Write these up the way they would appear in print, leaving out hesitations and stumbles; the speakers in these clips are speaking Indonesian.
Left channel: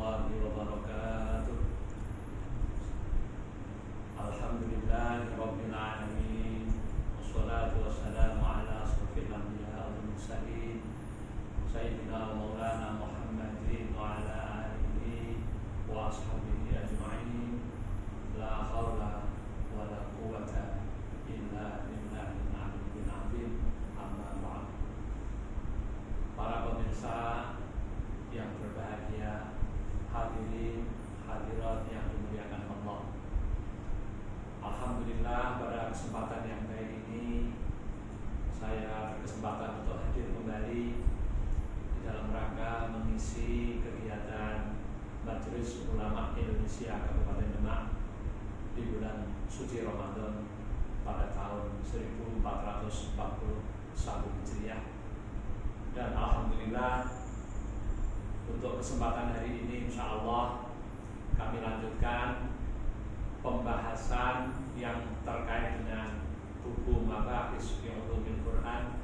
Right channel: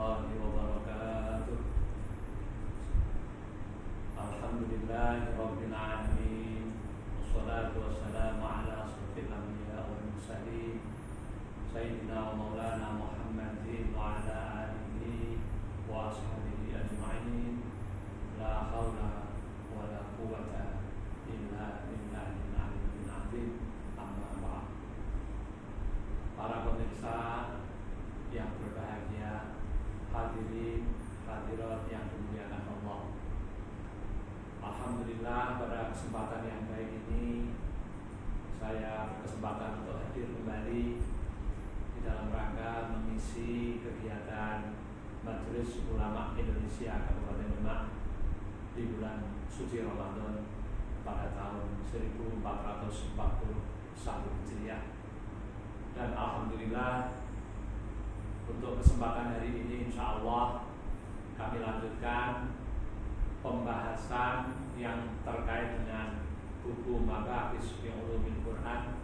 warahmatullahi wabarakatuh. Alhamdulillahi rabbil alamin. Wassalatu wassalamu ala asrofil anbiya wal mursalin Sayyidina wa maulana Muhammadin wa ala alihi wa ashabihi ajma'in. La hawla wa la quwwata illa billahil aliyyil azim. Amma ba'd. Para pemirsa yang berbahagia, hadirin hadirat yang dimuliakan Allah. Alhamdulillah, pada kesempatan yang baik ini saya berkesempatan untuk hadir kembali di dalam rangka mengisi kegiatan Majelis Ulama Indonesia Kabupaten Demak di bulan suci Ramadan pada tahun 1441 Hijriah. Dan alhamdulillah, untuk kesempatan hari ini insya Allah kami lanjutkan pembahasan yang terkait dengan buku Mabahis fi Ulumil Quran,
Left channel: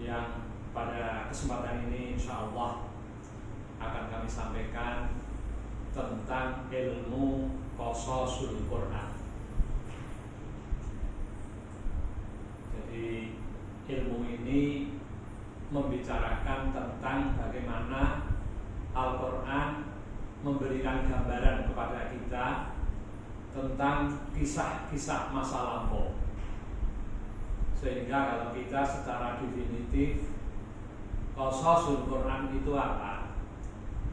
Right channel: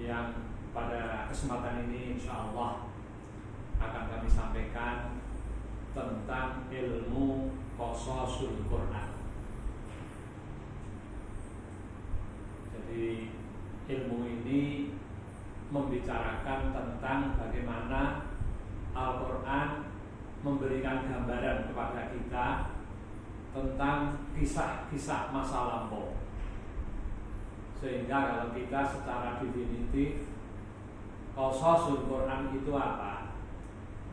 yang pada kesempatan ini insya Allah akan kami sampaikan tentang ilmu Qasasul Quran. Jadi ilmu ini membicarakan tentang bagaimana Al-Quran memberikan gambaran kepada kita tentang kisah-kisah masa lampau, sehingga kalau kita secara definitif Qasasul Quran itu apa?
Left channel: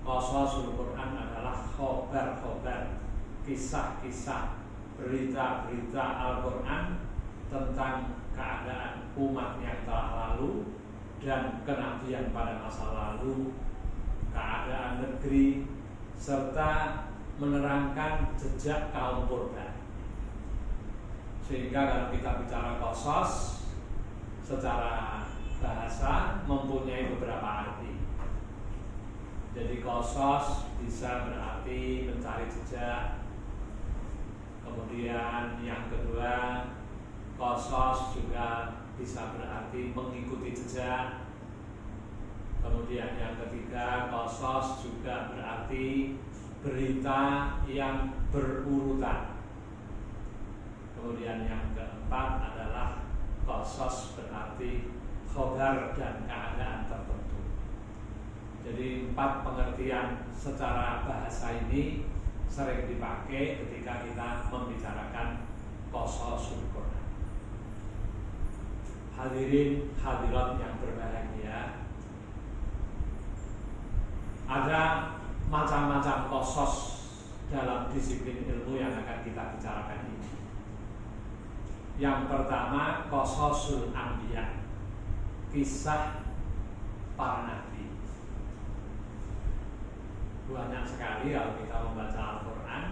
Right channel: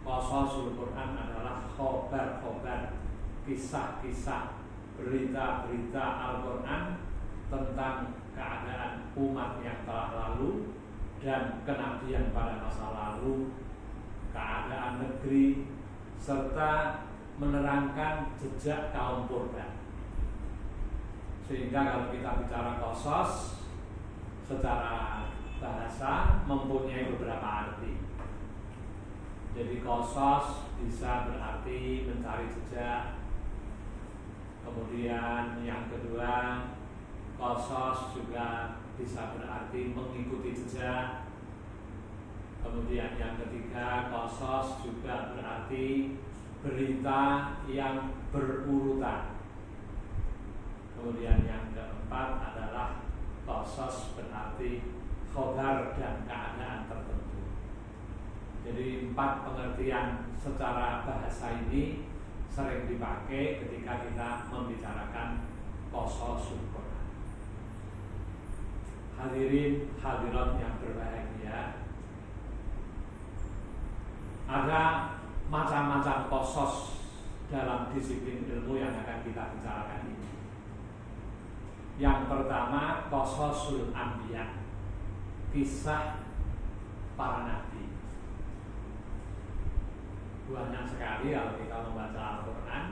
Qasasul Quran adalah khobar-khobar, kisah-kisah, berita-berita Al-Quran tentang keadaan umat yang telah lalu dan kenabian pada masa lalu, keadaan negeri, serta menerangkan jejak kaum purba. Sehingga kalau kita bicara qasas secara bahasa mempunyai beberapa arti. Jadi qasas bisa berarti mencari jejak. Kemudian yang kedua, qasas juga bisa berarti mengikuti jejak. Kemudian yang ketiga, qasas juga berarti berita yang berurutan. Kemudian yang keempat adalah qasas berarti khobar dan keadaan tertentu. Jadi 4 pengertian secara bahasa ini sering dipakai ketika kita membicarakan Qasasul Quran. Hadirin hadirat yang berbahagia, ada macam-macam qasas dalam disiplin ilmu yang akan kita bicarakan ini. Yang pertama, Qasasul Anbiya, kisah para nabi. Banyak sekali kalau kita membaca Al-Quran,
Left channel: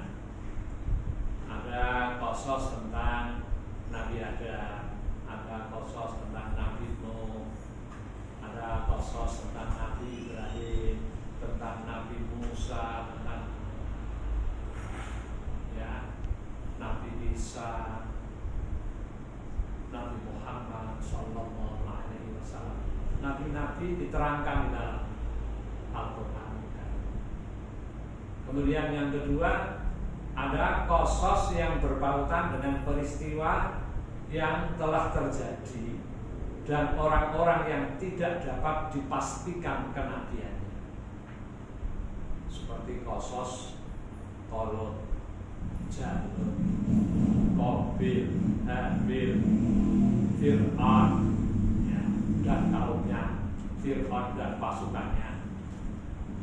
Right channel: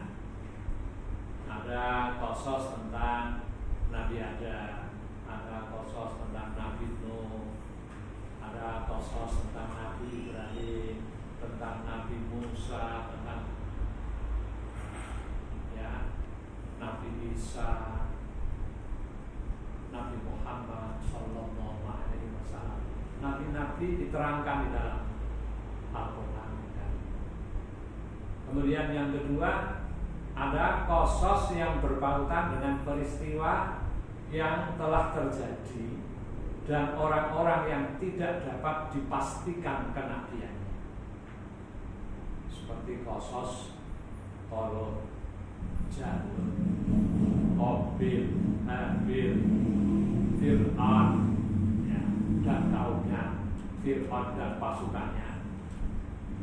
ada qasas tentang Nabi Adam, ada qasas tentang Nabi Nuh, ada qasas tentang Nabi Ibrahim, tentang Nabi Musa, tentang Nabi Isa, Nabi Muhammad Sallallahu Alaihi Wasallam. Nabi-nabi diterangkan di dalam Al-Quran. Kemudian yang kedua, ada qasas yang berpautan dengan peristiwa yang telah terjadi dan orang-orang yang tidak dapat dipastikan kenabiannya, seperti qasas Tolot, Jalut, Qabil, Habil, Fir'aun, dan kaumnya, Fir'aun dan pasukannya.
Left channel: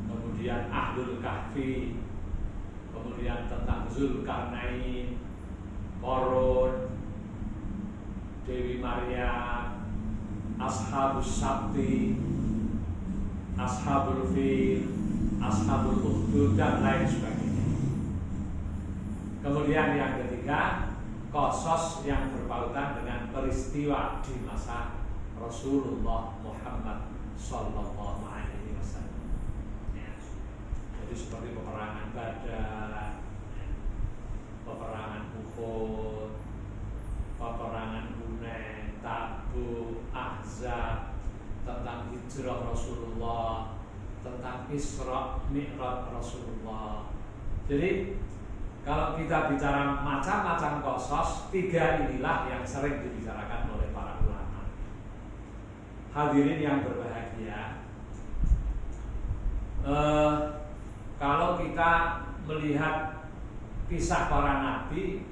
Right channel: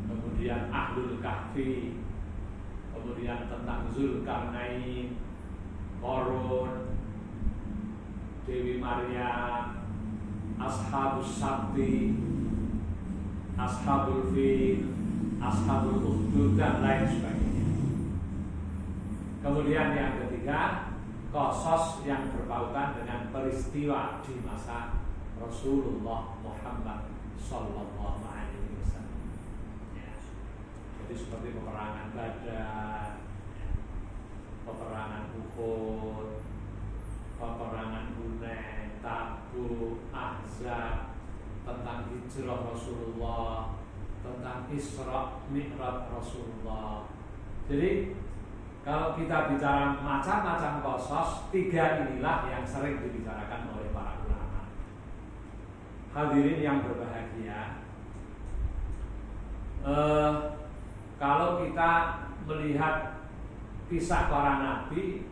Kemudian Ahlul Kahfi, kemudian tentang Zulkarnain, Qarun, Dewi Maryam, Ashabus Sabti, Ashabul Fil, Ashabul Ukhdud, dan lain sebagainya. Kemudian yang ketiga, qasas yang berpautan dengan peristiwa di masa Rasulullah Muhammad Sallallahu Alaihi Wasallam. Jadi seperti peperangan Badar, peperangan Uhud, peperangan Hunain, Tabuk, Ahzab, tentang hijrah Rasulullah, tentang Isra Mi'raj Rasulullah. Jadi kalau kita bicara macam-macam qasas, 3 inilah yang sering dibicarakan oleh para ulama. Hadirin yang berbahagia, kalau kita melihat kisah para nabi,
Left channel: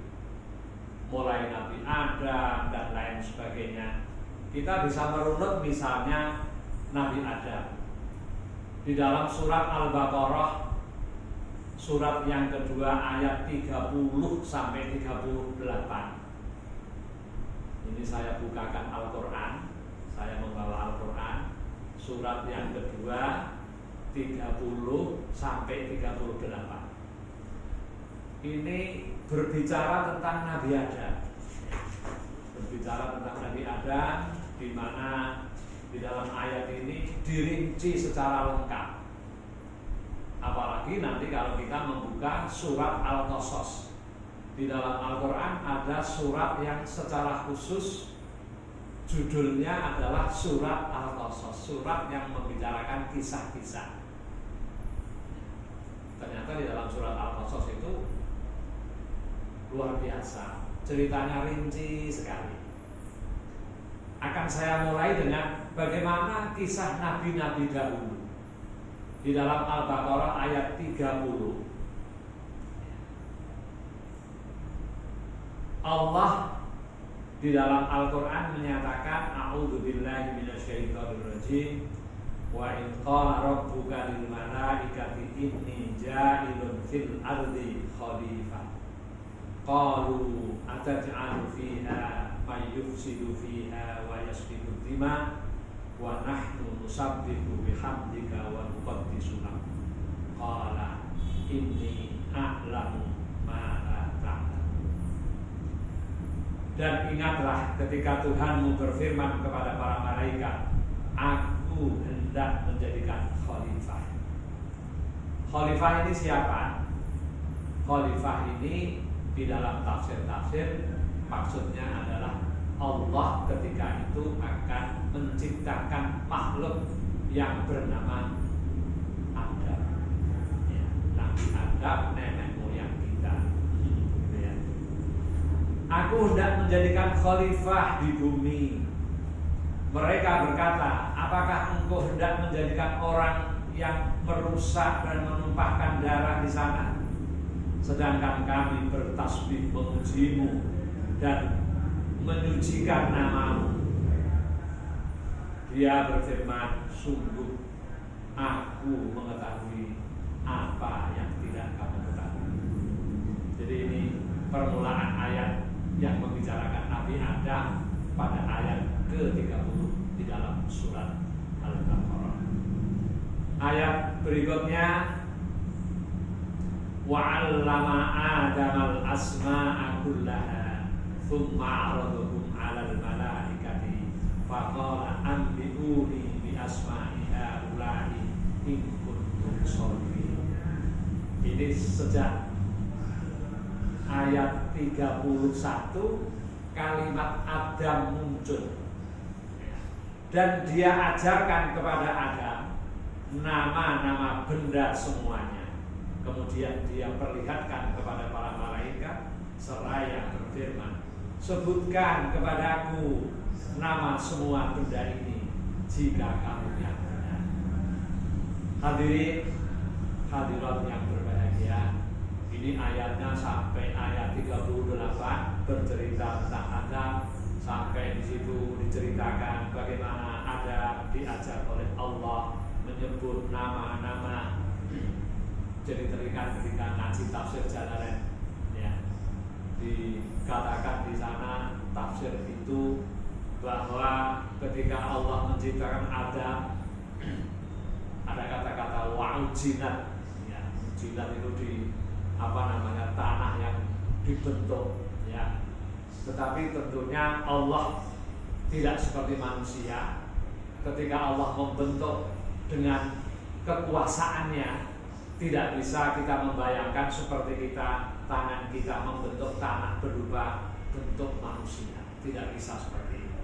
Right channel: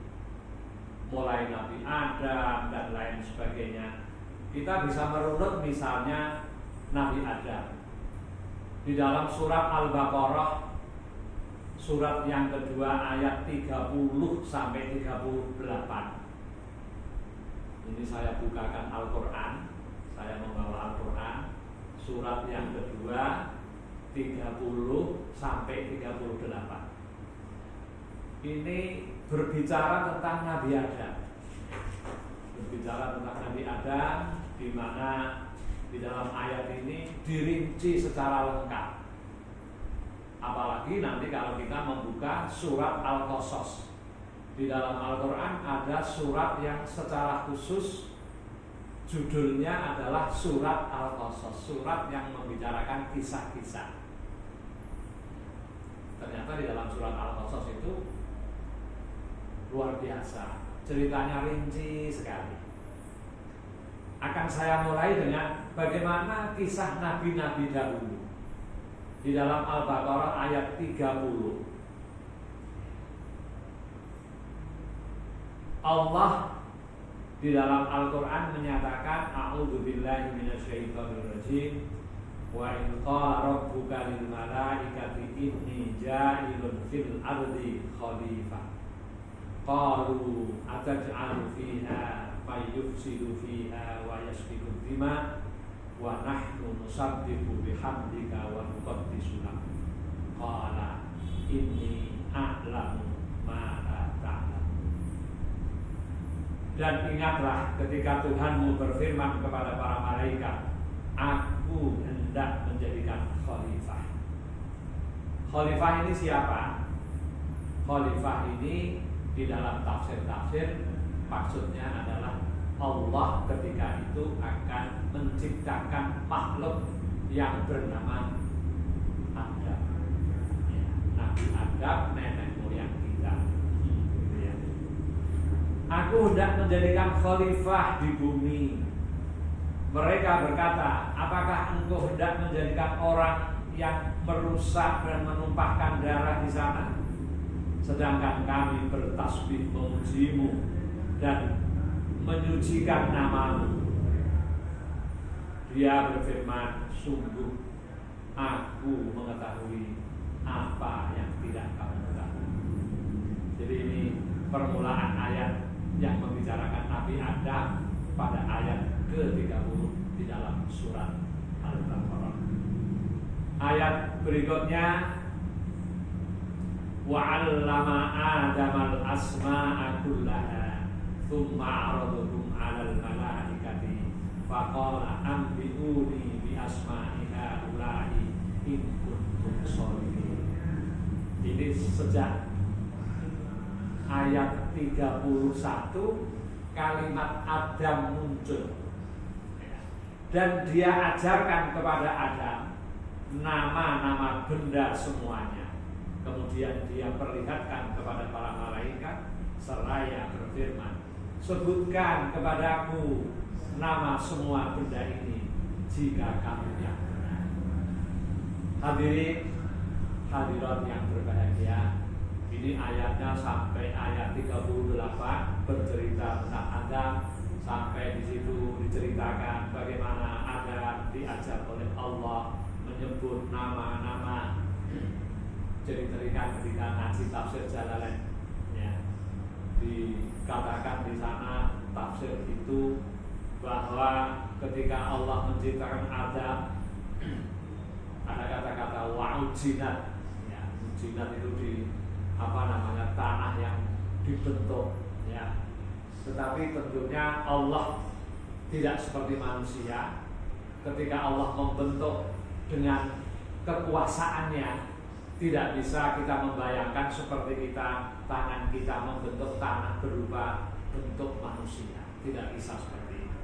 mulai Nabi Adam dan lain sebagainya, kita bisa merunut misalnya Nabi Adam. Di dalam surat Al-Baqarah, surat yang kedua ayat 30 sampai 38. Ini saya bukakan Al-Quran, saya membawa Al-Quran, surat yang kedua 30 sampai 38. Ini berbicara tentang Nabi Adam. Berbicara tentang Nabi Adam, di mana di dalam ayat ini dirinci secara lengkap. Apalagi nanti kalau kita membuka surat Al-Qasas, di dalam Al-Quran ada surat yang secara khusus judulnya adalah surat Al-Qasas, surat yang membicarakan kisah-kisah. Ternyata di dalam surat Al-Qasas itu luar biasa, ceritanya rinci sekali. Akan saya mulai dengan bagaimana kisah nabi-nabi dahulu. Di dalam Al-Baqarah ayat 30, Allah di dalam Al-Quran menyatakan, a'udzubillahi minasyaitonirrajim, wa in qala rabbuka lil malaikati inni ja'ilun fil ardi khalifah qalu ataj'alu fiha may yufsidu fiha wa yasfiku dima wa nahnu nusabbihu bihamdika wa nuqaddisu lak qala inni a'lamu ma la ta'lamun. Dan ingatlah ketika Tuhanmu berfirman kepada para malaikat, aku hendak menjadikan khalifah. Khalifah ini siapa? Khalifah ini di dalam tafsir-tafsir maksudnya adalah Allah ketika itu akan menciptakan makhluk yang bernama Adam. Ya, Nabi Adam, nenek moyang kita. Gitu ya. Aku hendak menjadikan khalifah di bumi. Mereka berkata, apakah engkau hendak menjadikan orang yang merusak dan menumpahkan darah di sana? Sedangkan kami bertasbih memujimu dan menyucikan namamu. Dia berfirman, sungguh aku mengetahui apa yang tidak kamu ketahui. Jadi ini permulaan ayat yang membicarakan Nabi Adam pada ayat ke-30 di dalam surat Al-Baqarah. Ayat berikutnya, wa'allama Adamal asma'a kullaha thumma 'aradahum 'alal malaikati faqala anbi'uni bi asma'i haula'i in kuntum shadiqin. Ini sejak ayat 31 kalimat Adam muncul, dan dia ajarkan kepada Adam nama-nama benda semuanya. Kemudian dia perlihatkan kepada para malaikat seraya berfirman, sebutkan kepadaku nama semua benda ini jika kamu yang benar. Hadirin hadirat yang berbahagia, ini ayatnya sampai ayat 38 bercerita tentang Adam. Sampai di situ diceritakan bagaimana Adam diajar oleh Allah menyebut nama-nama. Jadi ketika ngaji tafsir Jalalain, ya, dikatakan di sana tafsir itu bahwa ketika Allah menciptakan Adam ada kata-kata wa'ujinat, ya, ujinat itu di tanah yang dibentuk, ya. Tetapi tentunya Allah tidak seperti manusia. Ketika Allah membentuk dengan kekuasaannya, tidak bisa kita membayangkan seperti tangan kita membentuk tanah berupa bentuk manusia. Tidak bisa seperti itu.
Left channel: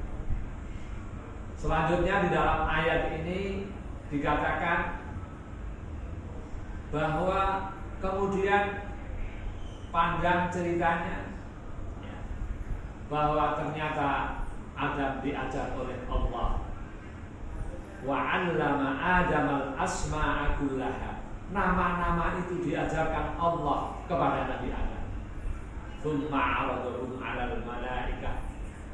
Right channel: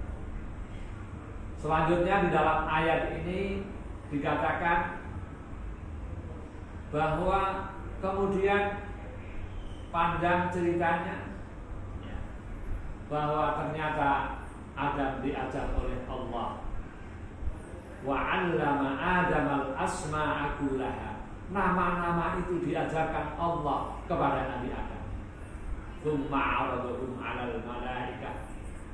Selanjutnya di dalam ayat ini dikatakan bahwa kemudian panjang ceritanya ya, bahwa ternyata Adam diajar oleh Allah, wa 'allama Adam al-asma'a kullaha, nama-nama itu diajarkan Allah kepada Nabi Adam. Tsumma 'aradahum 'alal malaikah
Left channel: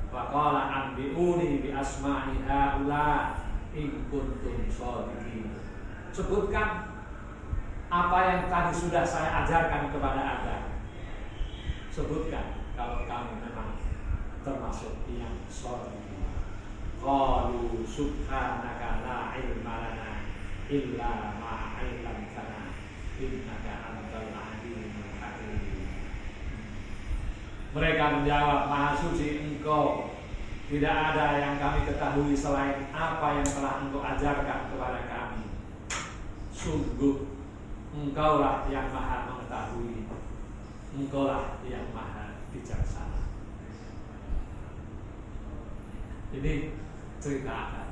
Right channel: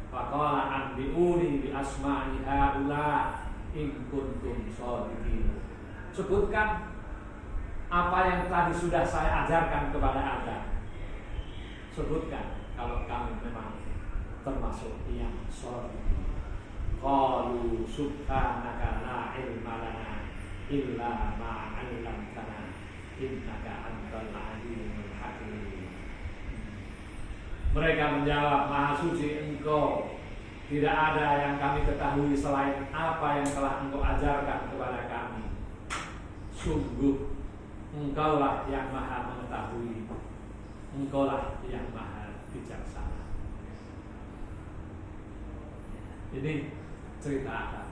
faqala anbi'uni bi asma'i haula in kuntum shadiqin. Sebutkan apa yang tadi sudah saya ajarkan kepada Adam. Sebutkan kalau kamu memang termasuk yang shadiqin. Qalu subhanaka la ilma lana illa ma 'allamtana innaka antal alimul hakim. Mereka menjawab, Maha suci Engkau, tidak ada yang kami ketahui selain apa yang telah Engkau ajarkan kepada kami. Sungguh Engkaulah yang maha mengetahui, Engkaulah yang maha bijaksana. Ini cerita Adam.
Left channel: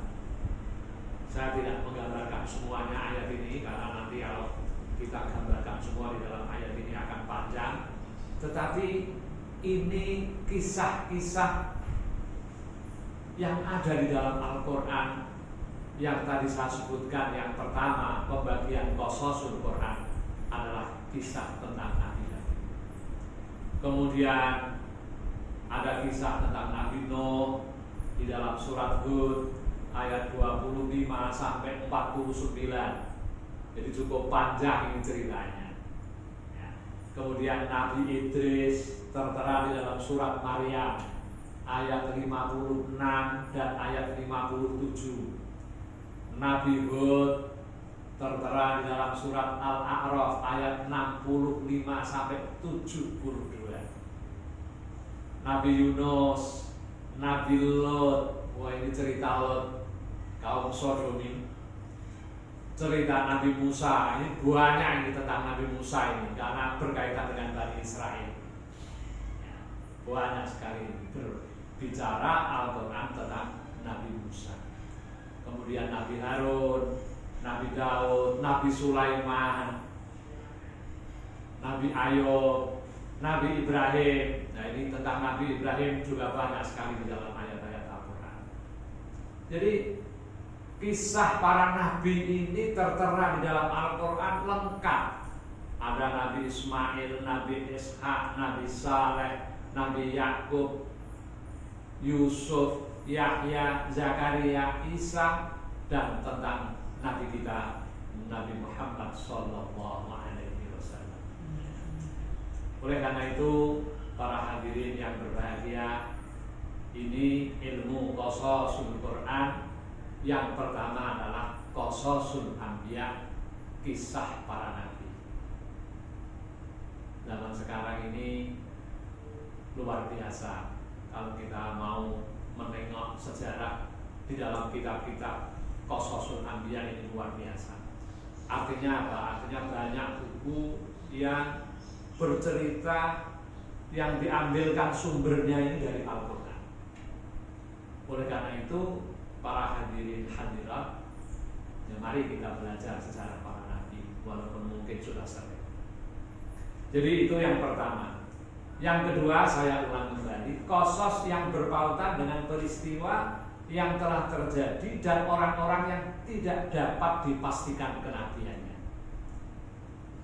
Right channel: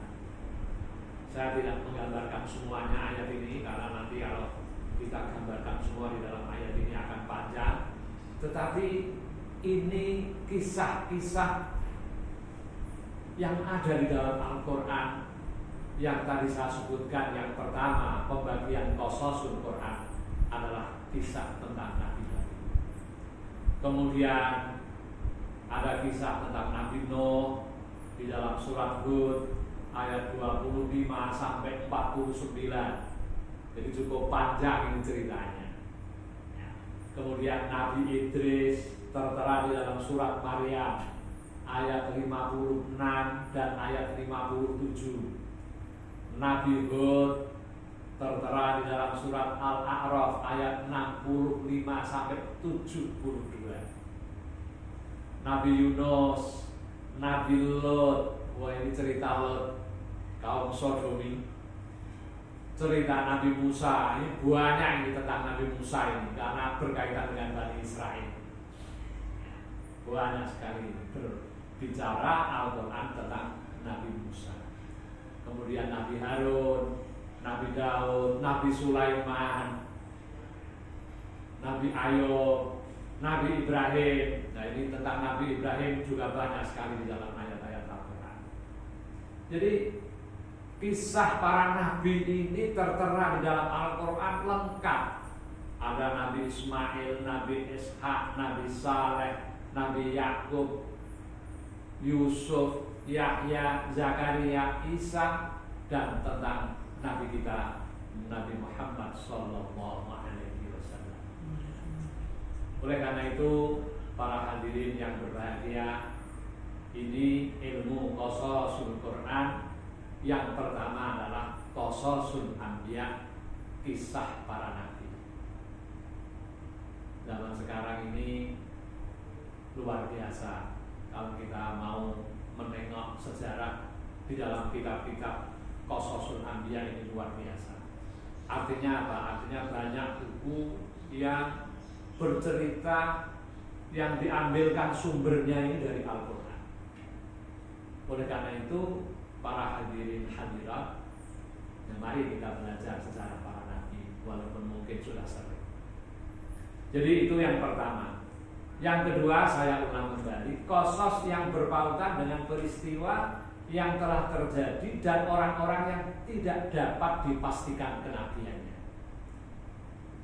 Saya tidak menggambarkan semuanya ayat ini, karena nanti kalau kita gambarkan semua di dalam ayat ini akan panjang. Tetapi ini kisah-kisah yang ada di dalam Al-Quran yang tadi saya sebutkan. Yang pertama, pembagian qasasul Quran adalah kisah tentang Nabi Daud. Kemudian ada kisah tentang Nabi Nuh di dalam surat Hud ayat 25 sampai 49. Jadi cukup panjang ini ceritanya. Kemudian Nabi Idris tertera di dalam surat Maryam ayat 56 dan ayat 57. Nabi Hud tertera di dalam surat Al-A'raf ayat 65 sampai 72. Nabi Yunus, Nabi Lot, wah ini cerita Lot, kaum Sodomi. Cerita Nabi Musa, ini banyak ini tentang Nabi Musa ini karena berkaitan dengan Bani Israel. Banyak sekali berbicara Al-Quran tentang Nabi Musa. Kemudian Nabi Harun, Nabi Daud, Nabi Sulaiman, Nabi Ayub, Nabi Ibrahim. Nah ini tentang Nabi Ibrahim juga banyak sekali di dalam ayat-ayat Al-Quran. Jadi kisah para nabi ini tertera di dalam Al-Quran lengkap. Ada Nabi Ismail, Nabi Ishak, Nabi Saleh, Nabi Yakub, Yusuf, Yahya, Zakaria, Isa, dan tentang Nabi kita Nabi Muhammad Sallallahu Alaihi Wasallam. Oleh karena itu, para hadirin yang berbahagia, ini ilmu qasasul Quran. Yang pertama adalah qasasul anbiya, kisah para nabi. Zaman sekarang ini luar biasa kalau kita mau menengok sejarah di dalam kitab-kitab qasasul anbiya ini luar biasa. Artinya apa? Artinya banyak buku yang bercerita yang diambilkan sumbernya ini dari Al-Quran. Oleh karena itu, para hadirin hadirat, ya mari kita belajar sejarah para nabi, walaupun mungkin sudah sering. Jadi itu yang pertama. Yang kedua, saya ulang kembali, qasas yang berpautan dengan peristiwa yang telah terjadi dan orang-orang yang tidak dapat dipastikan kenabiannya.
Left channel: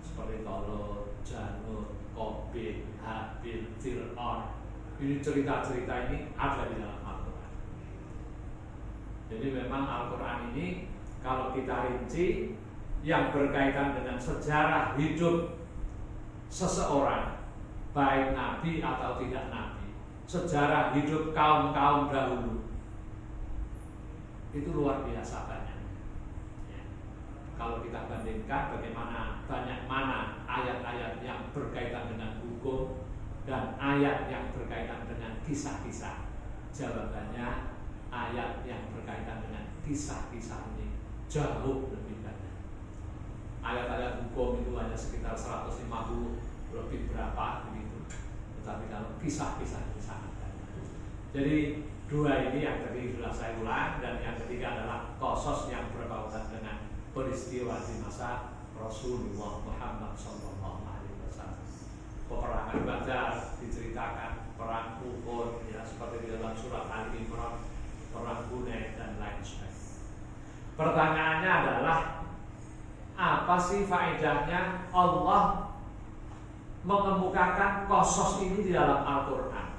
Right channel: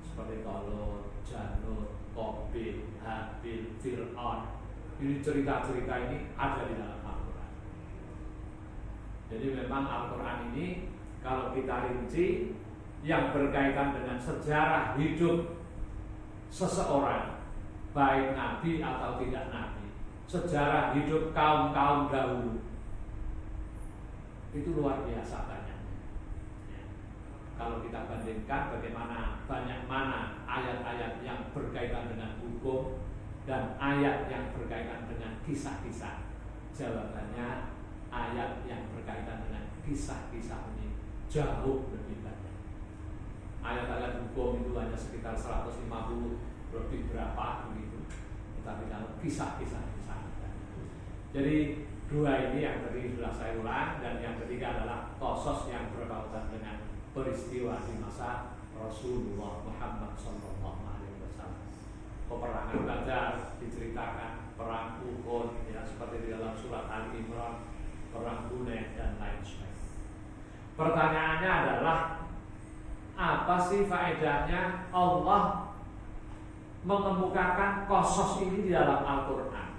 Seperti kalau Janut, Qabil, Habil, Fir'aun. Ini cerita-cerita ini ada di dalam Al-Quran. Jadi memang Al-Quran ini kalau kita rinci, yang berkaitan dengan sejarah hidup seseorang, baik nabi atau tidak nabi, sejarah hidup kaum-kaum dahulu, itu luar biasa banyak. Ya. Kalau kita bandingkan bagaimana banyak mana ayat-ayat yang berkaitan dengan hukum dan ayat yang berkaitan dengan kisah-kisah, jawabannya ayat yang berkaitan dengan kisah-kisah ini jauh lebih banyak. Ayat-ayat hukum itu hanya sekitar 150 lebih berapa begitu. Tetapi kalau kisah-kisah itu sangat banyak. Jadi dua ini yang tadi sudah saya ulang, dan yang ketiga adalah qasas yang berkaitan dengan peristiwa di masa Rasulullah Muhammad sallallahu alaihi wasallam. Peperangan Badar diceritakan, perang Uhud ya seperti di dalam surat Ali Imran, perang Hunain dan lain sebagainya. Pertanyaannya adalah apa sih faedahnya Allah mengemukakan qasas ini di dalam Al-Qur'an?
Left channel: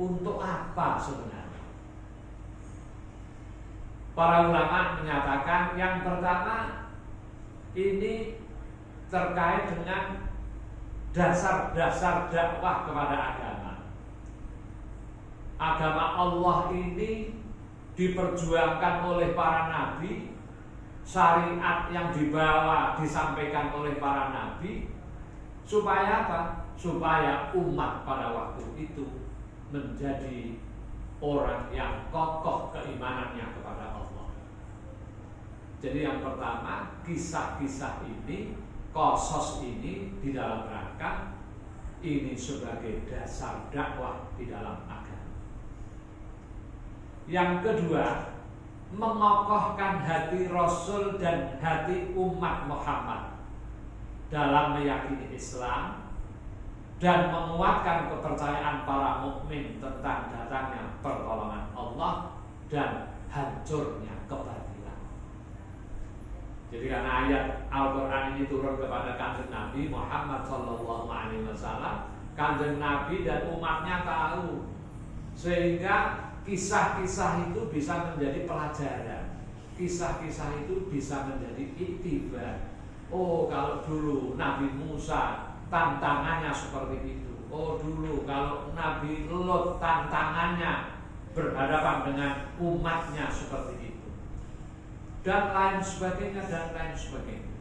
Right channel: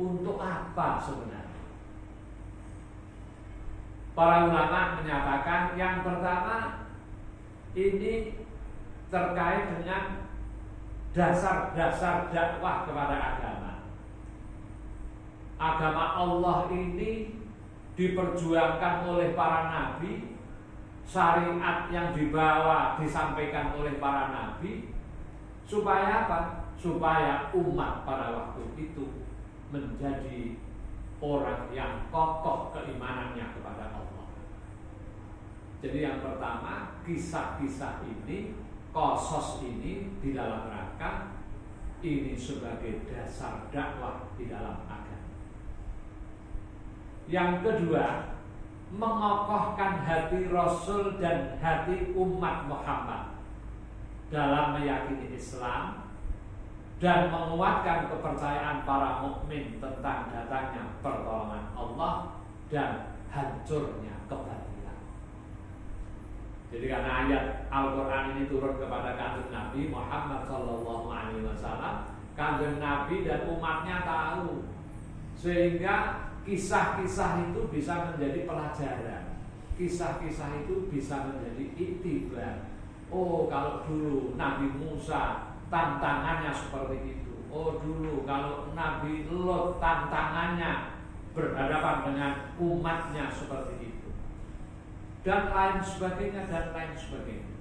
Untuk apa sebenarnya? Para ulama menyatakan yang pertama ini terkait dengan dasar-dasar dakwah kepada agama. Agama Allah ini diperjuangkan oleh para nabi, syariat yang dibawa disampaikan oleh para nabi, supaya apa? Supaya umat pada waktu itu menjadi orang yang kokoh keimanannya kepada Allah. Jadi yang pertama, kisah-kisah ini, qasas ini di dalam rangka ini sebagai dasar dakwah di dalam agama. Yang kedua, mengokohkan hati Rasul dan hati umat Muhammad dalam meyakini Islam dan menguatkan kepercayaan para mukmin tentang datangnya pertolongan Allah dan hancurnya kebatilan. Jadi karena ayat Al-Quran ini turun kepada kanjeng Nabi Muhammad sallallahu alaihi wasallam, kanjeng Nabi dan umatnya tahu, sehingga kisah-kisah itu bisa menjadi pelajaran. Kisah-kisah itu bisa menjadi iktibar. Oh, kalau dulu Nabi Musa tantangannya seperti itu. Oh, dulu kalau Nabi Lot tantangannya berhadapan dengan umatnya seperti itu. Dan lain sebagainya dan lain sebagainya.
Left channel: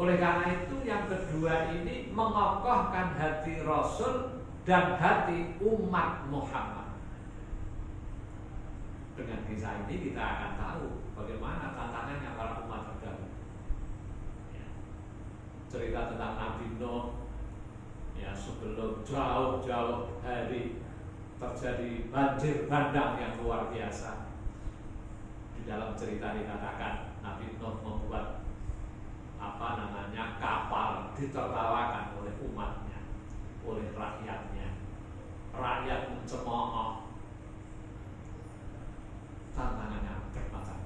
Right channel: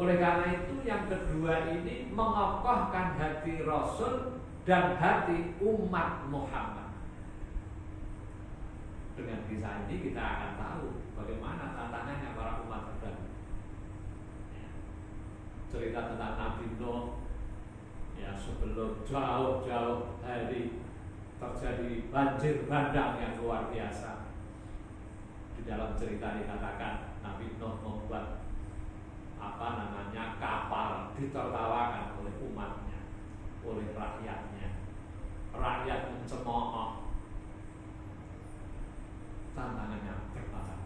Oleh karena itu yang kedua ini mengokohkan hati Rasul dan hati umat Muhammad. Dengan kisah ini kita akan tahu bagaimana tantangannya para umat terdahulu. Cerita tentang Nabi Nuh ya, sebelum jauh-jauh hari terjadi banjir bandang yang luar biasa. Di dalam cerita dikatakan Nabi Nuh membuat kapal ditertawakan oleh umatnya, oleh rakyatnya. Rakyat mencemooh. Tantangannya bermacam,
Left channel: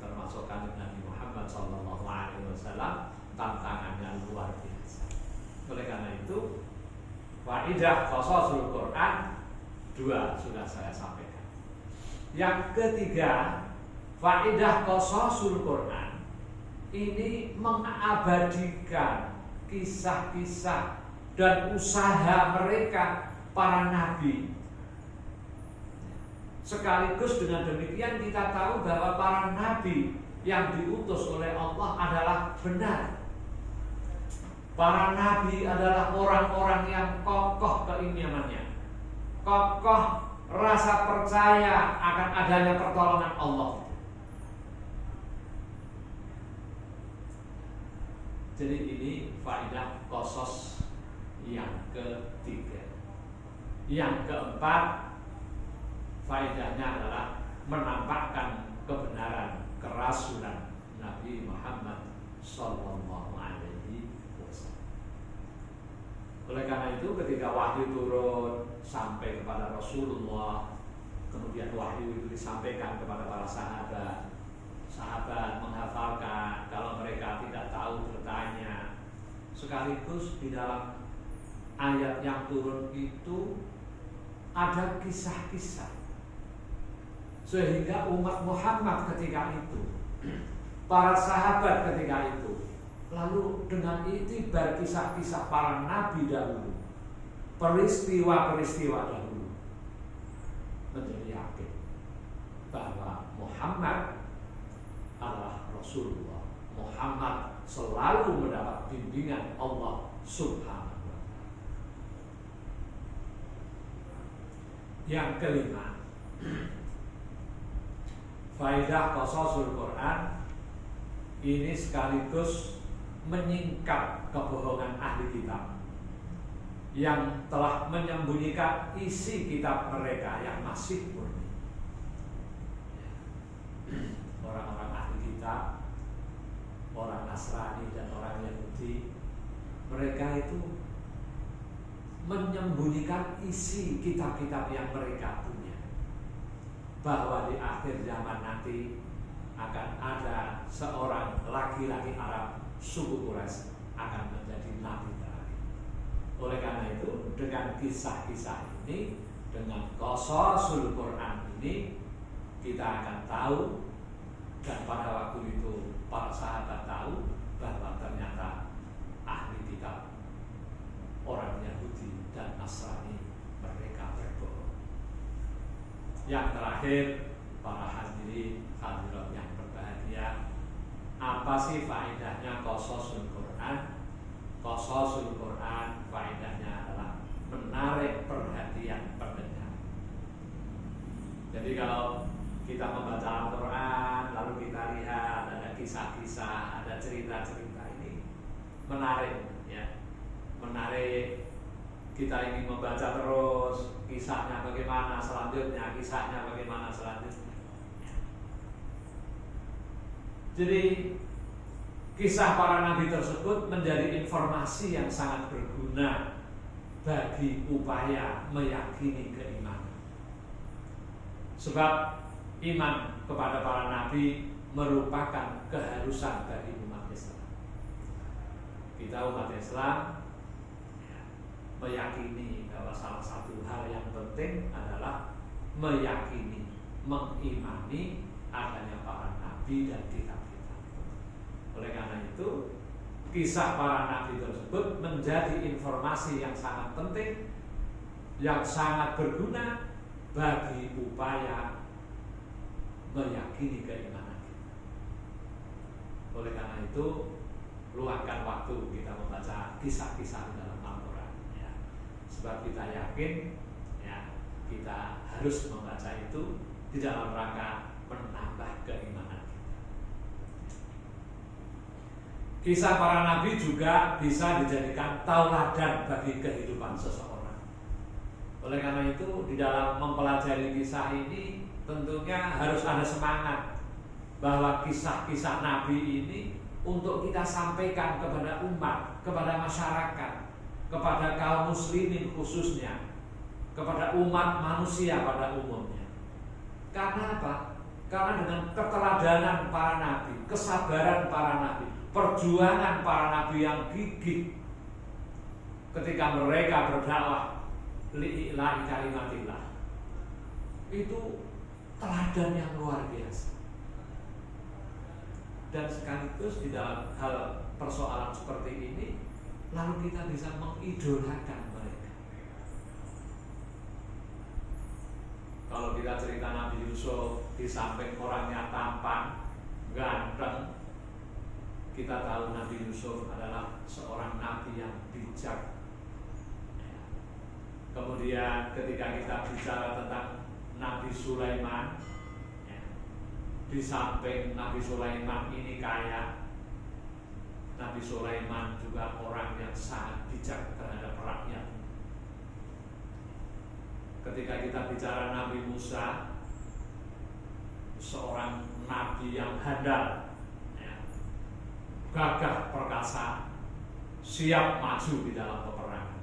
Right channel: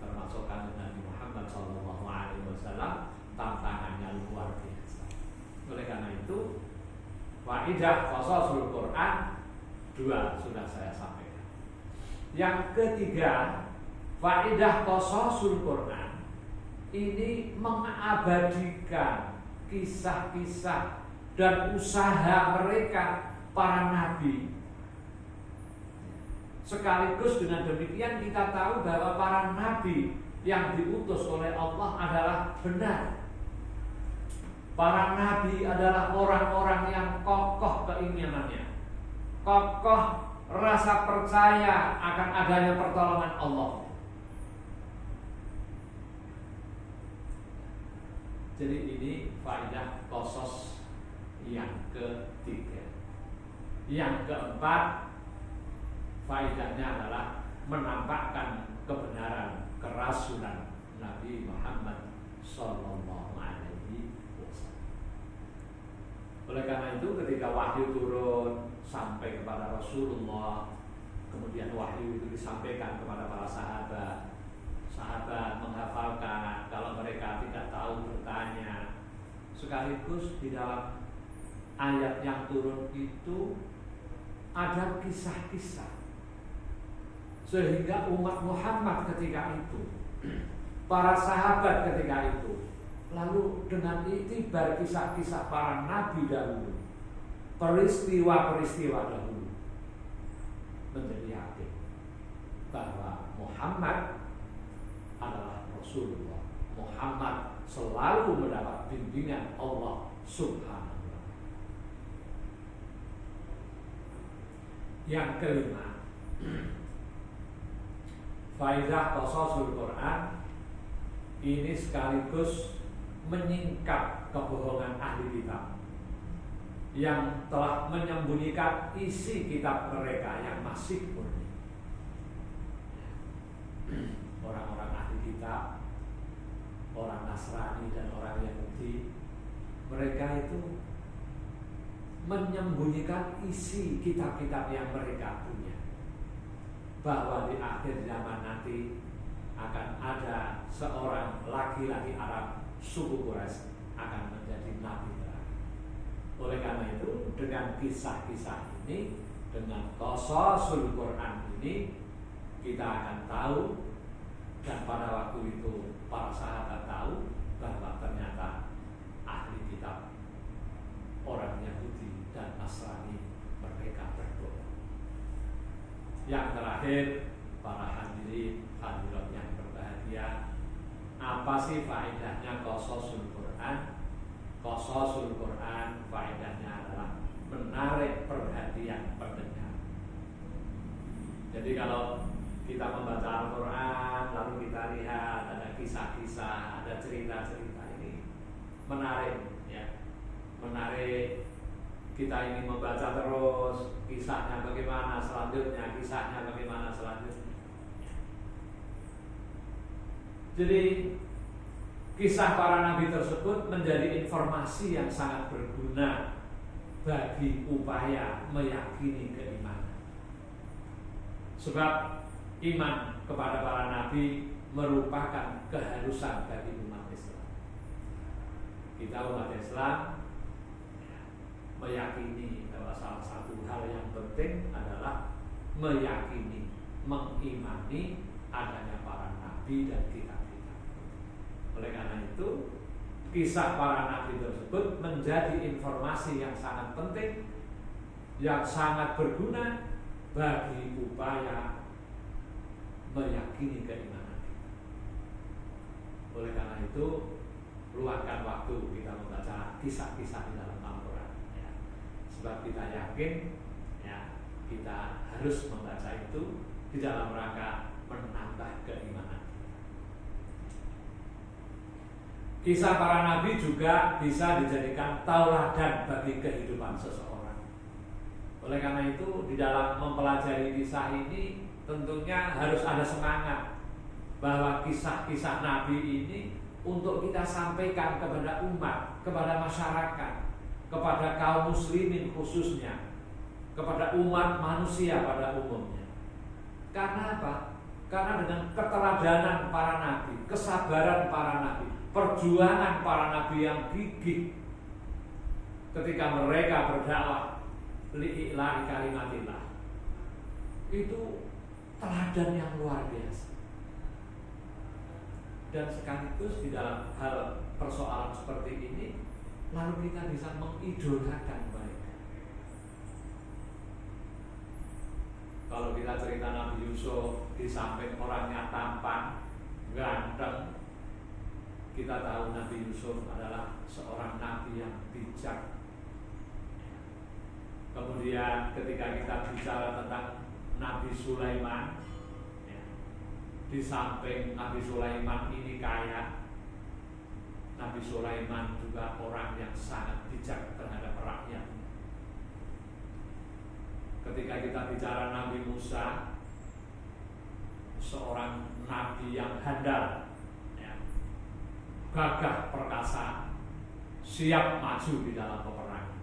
termasuk kanjeng Nabi Muhammad SAW. Tantangannya luar biasa. Oleh karena itu, faidah qasasul Quran 2 sudah saya sampaikan. Yang ketiga, faidah qasasul Quran ini mengabadikan kisah-kisah dan usaha mereka para nabi. Sekaligus dengan demikian kita tahu bahwa para nabi yang diutus oleh Allah adalah benar. Para nabi adalah orang-orang yang kokoh keimanannya, kokoh rasa percaya akan adanya pertolongan Allah. Jadi ini faidah qasas yang ketiga. Yang keempat, faidahnya adalah menampakkan kebenaran kerasulan Nabi Muhammad sallallahu alaihi wasallam. Oleh karena itu ketika wahyu turun sampai kepada Rasulullah, kemudian wahyu itu disampaikan kepada para sahabat. Sahabat menghafalkan, kalau mereka tidak tahu bertanya. Sekaligus di dalam ayat yang turun itu ada kisah-kisah, sehingga umat Muhammad ketika itu, para sahabat ketika itu, lalu dengan itibar kisah-kisah para nabi dahulu, peristiwa-peristiwa dahulu, menjadi yakin bahwa Muhammad adalah Rasulullah. Muhammad selalu mendapat bimbingan Allah Subhanahu wa ta'ala. Yang kelima, faidah qasasul Quran ini sekaligus menyingkap kebohongan ahli kitab yang telah menyembunyikan isi kitab mereka yang masih murni. Orang-orang ahli kitab orang Nasrani dan orang Yahudi, mereka itu menyembunyikan isi kitab-kitab yang mereka punya, bahwa di akhir zaman nanti akan ada seorang laki-laki Arab suku Quraisy akan menjadi nabi terakhir. Oleh karena itu, dengan kisah-kisah ini, dengan qasasul Quran ini, kita akan tahu, dan pada waktu itu para sahabat tahu bahwa ternyata ahli kitab orang Yahudi dan Nasrani mereka berbohong. Yang terakhir, para hadirin hadirat yang berbahagia, apa sih faedahnya qasasul Quran? Qasasul Quran faedahnya adalah menarik perhatian pendengar. Jadi kalau kita membaca Al-Quran, lalu kita lihat ada kisah-kisah, ada cerita-cerita, ini menarik, ya, menarik. Kita ingin membaca terus kisahnya bagaimana selanjutnya, kisahnya bagaimana selanjutnya. Jadi kisah para nabi tersebut menjadi informasi yang sangat berguna bagi upaya meyakini keimanan. Sebab iman kepada para nabi merupakan keharusan bagi umat Islam. Kita umat Islam meyakini bahwa salah satu hal yang penting adalah meyakini, mengimani adanya para nabi dan kitab-kitab. Oleh karena itu, kisah para nabi tersebut menjadi informasi yang sangat penting, yang sangat berguna bagi upaya meyakini keimanan kita. Oleh karena itu, luangkan waktu kita membaca kisah-kisah di dalam Al-Quran, ya. Sebab kita yakin, ya, kita harus membaca itu di dalam rangka menambah keimanan kita. Kisah para nabi juga bisa dijadikan tauladan bagi kehidupan seseorang. Oleh karena itu, di dalam mempelajari kisah ini tentunya harus ada semangat bahwa kisah-kisah nabi ini untuk kita sampaikan kepada umat, kepada masyarakat, kepada kaum muslimin khususnya, kepada umat manusia pada umumnya. Karena apa? Karena dengan keteladanan para nabi, kesabaran para nabi, perjuangan para nabi yang gigih ketika mereka berdakwah li'ilahi kalimatillah, itu teladan yang luar biasa. Dan sekaligus di dalam hal persoalan seperti ini, lalu kita bisa mengidolakan mereka. Kalau kita cerita Nabi Yusuf, di samping orangnya tampan, ganteng, kita tahu Nabi Yusuf adalah seorang nabi yang bijak. Kemudian ketika kita bicara tentang Nabi Sulaiman, ya, di samping Nabi Sulaiman ini kaya, Nabi Sulaiman juga orang yang sangat bijak terhadap rakyat. Ketika kita bicara Nabi Musa, seorang nabi yang handal, ya, gagah perkasa, siap maju di dalam peperangan.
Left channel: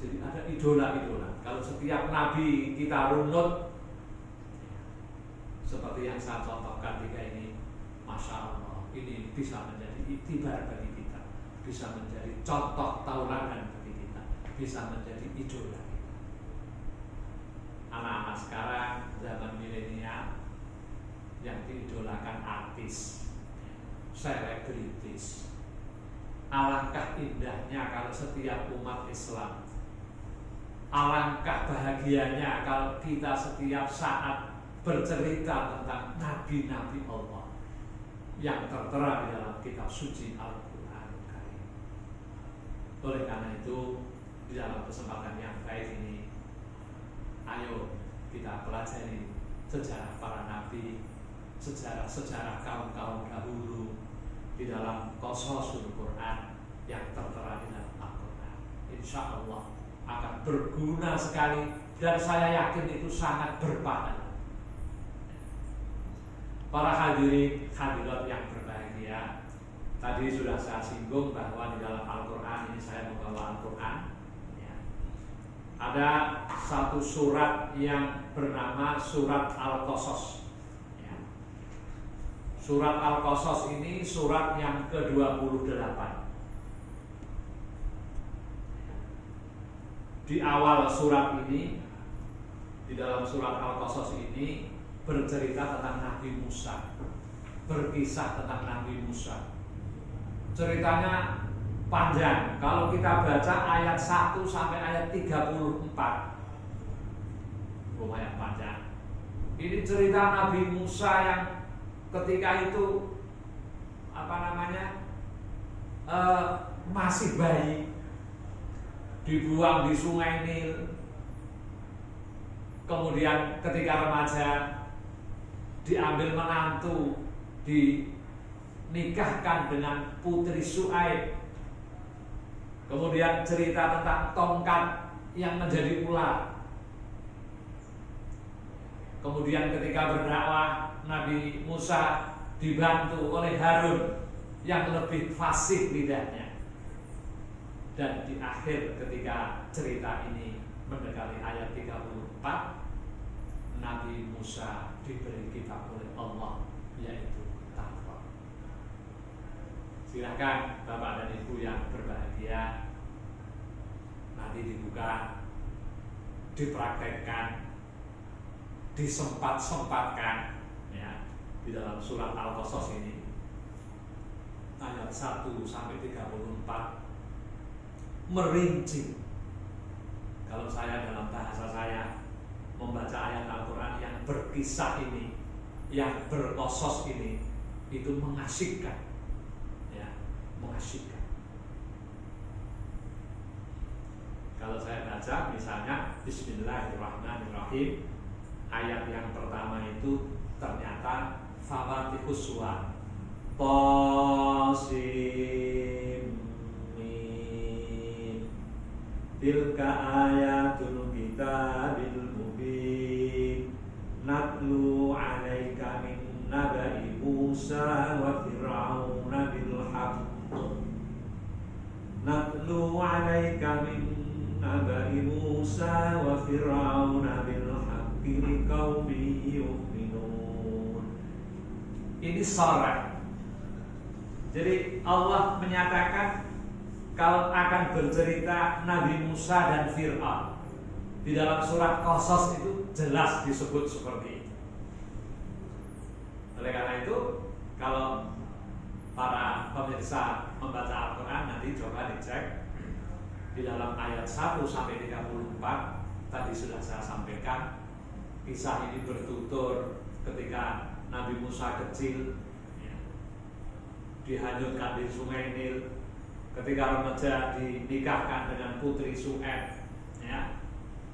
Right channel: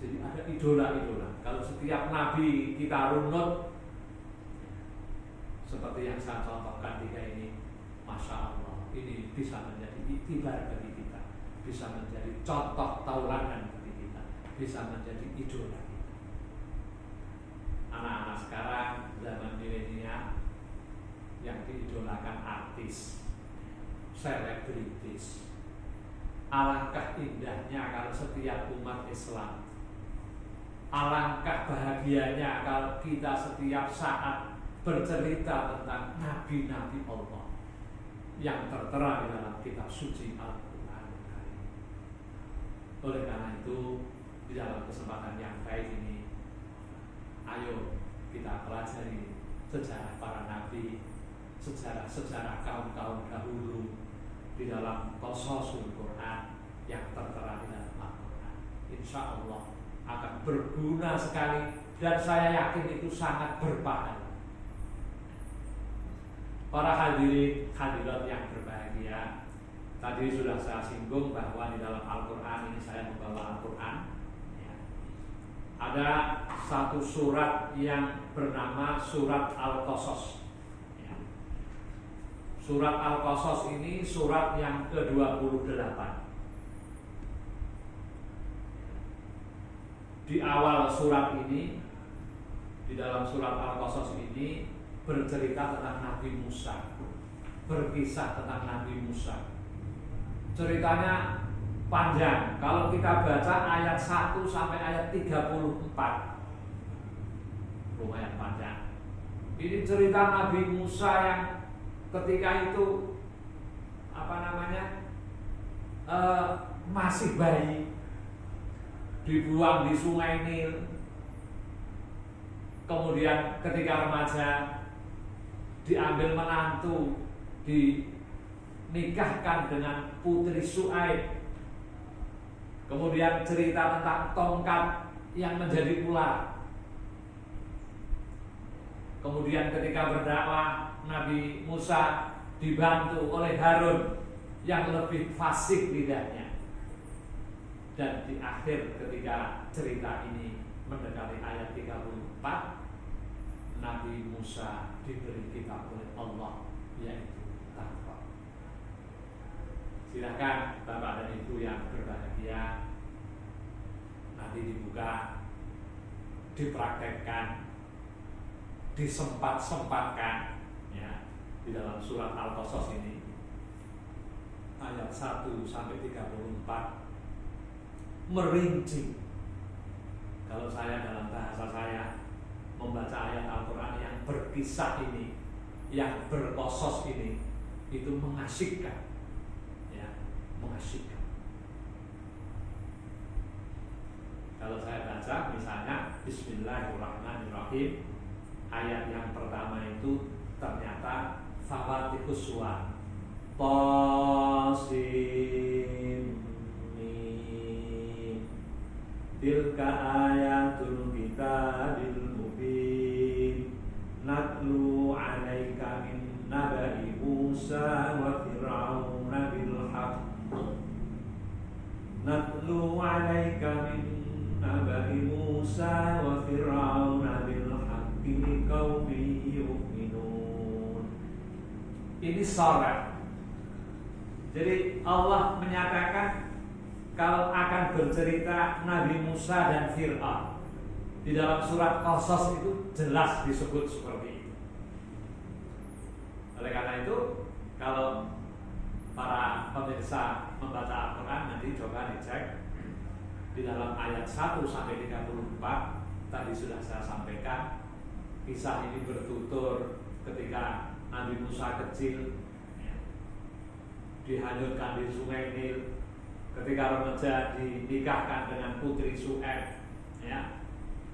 Jadi ada idola-idola. Kalau setiap nabi kita runut, seperti yang saya contohkan tiga ini, Masya Allah, ini bisa menjadi iktibar bagi kita, bisa menjadi contoh tauladan bagi kita, bisa menjadi idola kita. Anak-anak sekarang zaman milenial yang diidolakan artis, selebritis. Alangkah indahnya kalau setiap umat Islam, alangkah bahagianya kalau kita setiap saat bercerita tentang nabi-nabi Allah yang tertera di dalam kitab suci Al-Quran. Oleh karena itu, di dalam kesempatan yang baik ini, ayo kita pelajari sejarah para nabi, sejarah kaum-kaum dahulu di dalam qasasul Quran yang tertera di dalam Al-Quran. Insya Allah akan berguna sekali, dan saya yakin itu sangat berpahala. Para hadirin hadirat yang berbahagia, Tadi sudah saya singgung bahwa di dalam Al-Quran ini saya membawa Al-Quran ya. Ada satu surat yang bernama Surat Al-Qasas ya. Surat Al-Qasas ini surat yang ke-28. Di awal surat ini, di dalam surat Al-Qasas ini bercerita tentang Nabi Musa, berkisah tentang Nabi Musa. Ceritanya panjang. Kalau kita baca ayat 1 sampai ayat 34, lumayan panjang. Ini cerita Nabi Musa yang ketika itu masih bayi, dibuang di sungai Nil. Kemudian ketika remaja diambil menantu, dinikahkan dengan putri Su'aib. Kemudian cerita tentang tongkat yang menjadi ular. Kemudian ketika berdakwah, Nabi Musa dibantu oleh Harun yang lebih fasih lidahnya. Dan di akhir ketika cerita ini mendekati ayat 34, Nabi Musa diberi kitab oleh Allah, yaitu Taurat. Silakan Bapak dan Ibu yang berbahagia, nanti dibuka, dipraktekkan, disempat-sempatkan ya, di dalam surat Al-Qasas ini ayat 1 sampai 34 merinci. Kalau saya dalam bahasa saya membaca ayat Al-Quran yang berkisah ini, yang berqasas ini, itu mengasyikkan ya, mengasyikkan. Kalau saya baca misalnya Bismillahirrahmanirrahim, ayat yang pertama itu ternyata Fawaatihus Suwar, Tasim Mim, tilka ayatul kitabil mubin, natlu alaika min nabai Musa wa Fir'auna bil haqq, natlu alaika min nabai Musa wa Fir'auna bil haqqi liqaumin yu'minun. Ini sharah. Jadi Allah menyatakan kalau akan bercerita Nabi Musa dan Fir'aun. Di dalam surat Qasas itu jelas disebut seperti itu. Oleh karena itu, kalau para pemirsa membaca Al-Quran nanti coba dicek di dalam ayat 1 sampai 34. Tadi sudah saya sampaikan, kisah ini bertutur ketika Nabi Musa kecil ya, dihanyutkan di sungai Nil. Ketika remaja dinikahkan dengan putri Su'aib ya.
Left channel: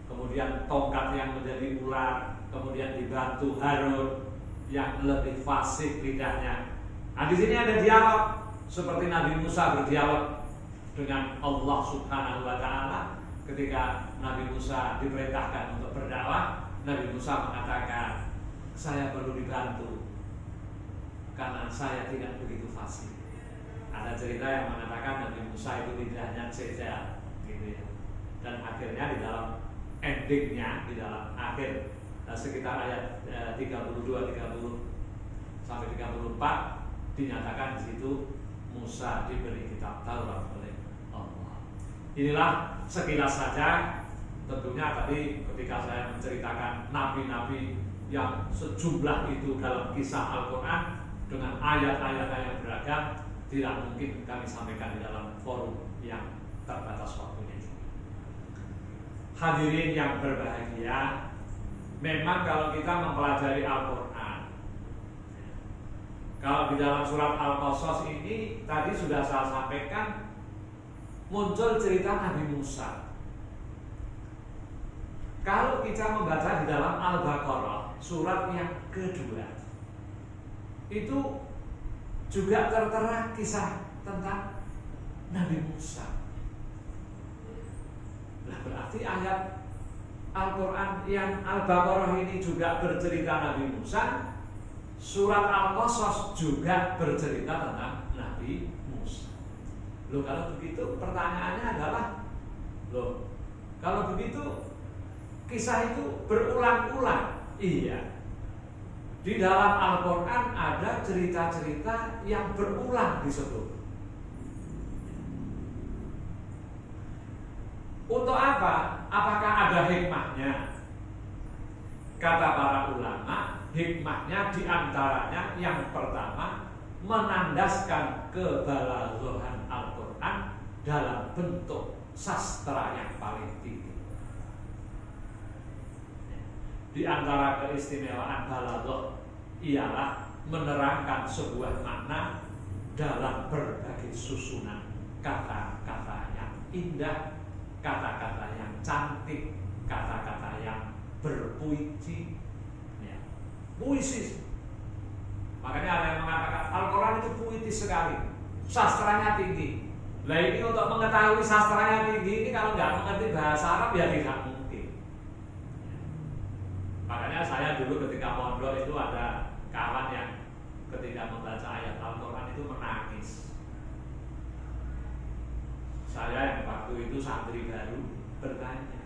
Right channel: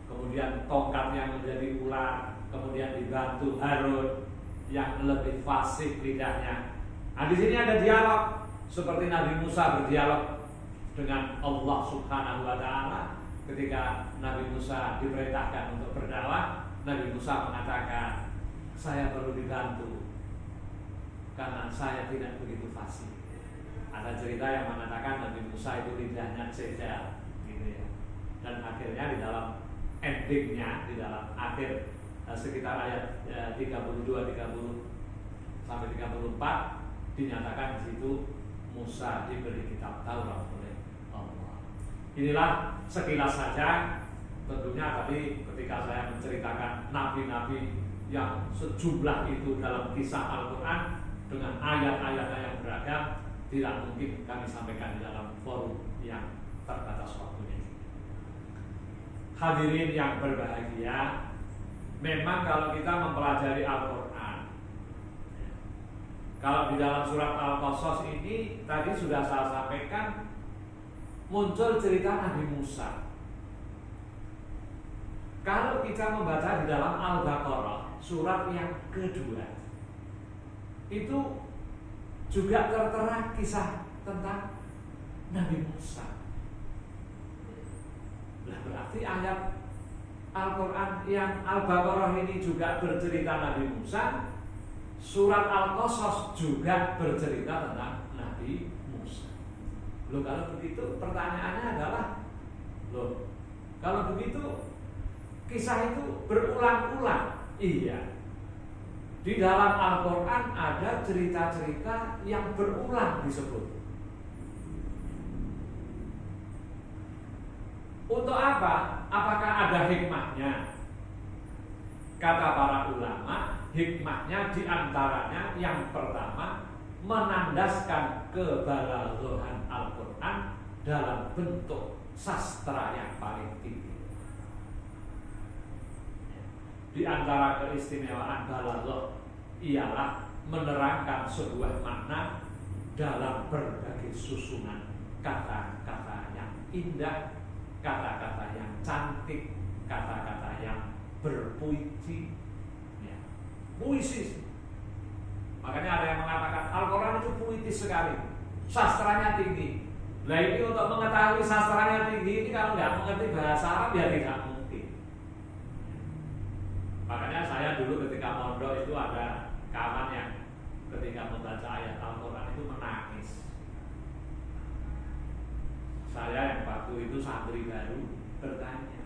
Kemudian tongkat yang menjadi ular, kemudian dibantu Harun yang lebih fasih lidahnya. Nah, di sini ada dialog seperti Nabi Musa berdialog dengan Allah Subhanahu wa taala ketika Nabi Musa diperintahkan untuk berdakwah. Nabi Musa mengatakan, "Saya perlu dibantu karena saya tidak begitu fasih." Ada cerita yang mengatakan Nabi Musa itu lidahnya cedal gitu ya. Dan akhirnya di dalam endingnya, di dalam akhir sekitar ayat 32, 30 sampai 34 dinyatakan di situ Musa diberi kitab Taurat oleh Allah. Inilah sekilas saja. Tentunya tadi ketika saya menceritakan nabi-nabi yang sejumlah itu dalam kisah Al-Quran dengan ayat-ayat yang beragam, tidak mungkin kami sampaikan di dalam forum yang terbatas waktunya. Hadirin yang berbahagia, memang kalau kita mempelajari Al-Quran, kalau di dalam surat Al-Qasas ini tadi sudah saya sampaikan, muncul cerita Nabi Musa. Kalau kita membaca di dalam Al-Baqarah surat yang kedua, itu juga tertera kisah tentang Nabi Musa. Nah, berarti ayat Al-Quran yang Al-Baqarah ini juga bercerita Nabi Musa, surat Al-Qasas juga bercerita tentang Nabi Musa. Loh, kalau begitu pertanyaannya adalah, loh, kalau begitu kisah itu berulang-ulang. Iya. Di dalam Al-Quran ada cerita-cerita yang berulang disebut. Untuk apa? Apakah ada hikmahnya? Kata para ulama, hikmahnya diantaranya yang pertama, menandaskan kebalaghan Al-Quran dalam bentuk sastra yang paling tinggi. Di antara keistimewaan balaghah ialah menerangkan sebuah makna dalam berbagai susunan kata-kata yang indah, kata-kata yang cantik, kata-kata yang berpuisi, ya. Puisi. Makanya ada yang mengatakan Al-Quran itu puitis sekali, sastranya tinggi. Nah, ini untuk mengetahui sastranya tinggi ini kalau nggak mengerti bahasa Arab ya tidak mungkin. Makanya saya dulu ketika pondok itu ada kawan yang ketika membaca ayat Al-Quran itu menangis. Saya yang waktu itu santri baru bertanya,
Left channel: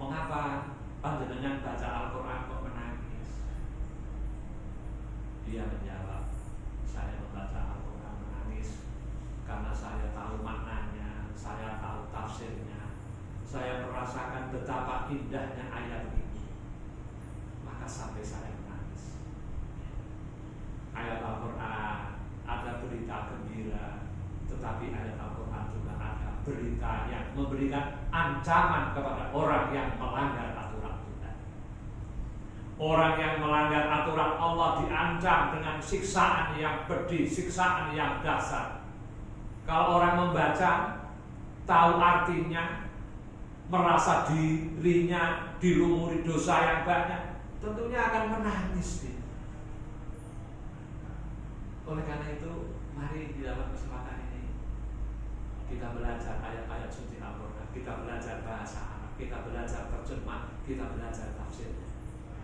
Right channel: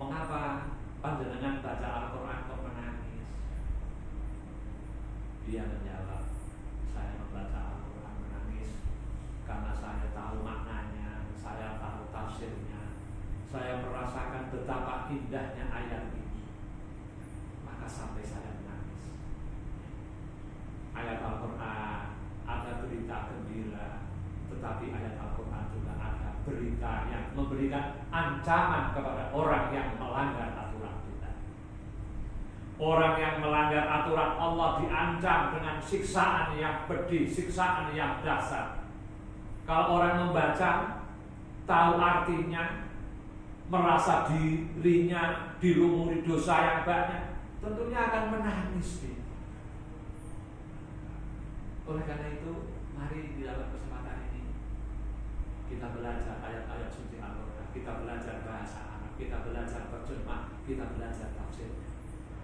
mengapa panjenengan baca Al-Quran kok menangis? Dia menjawab, saya membaca Al-Quran menangis karena saya tahu maknanya, saya tahu tafsirnya, saya merasakan betapa indahnya ayat ini, maka sampai saya menangis. Ayat Al-Quran ada berita gembira, tetapi ayat Al-Quran juga ada berita yang memberikan ancaman kepada orang yang melanggar aturan Tuhan. Orang yang melanggar aturan Allah diancam dengan siksaan yang pedih, siksaan yang dahsyat. Kalau orang membaca, tahu artinya, merasa dirinya dilumuri dosa yang banyak, tentunya akan menangis dia. Oleh karena itu, mari di dalam kesempatan ini kita belajar ayat-ayat suci Al-Quran, kita belajar bahasa Arab, kita belajar terjemah, kita belajar tafsirnya,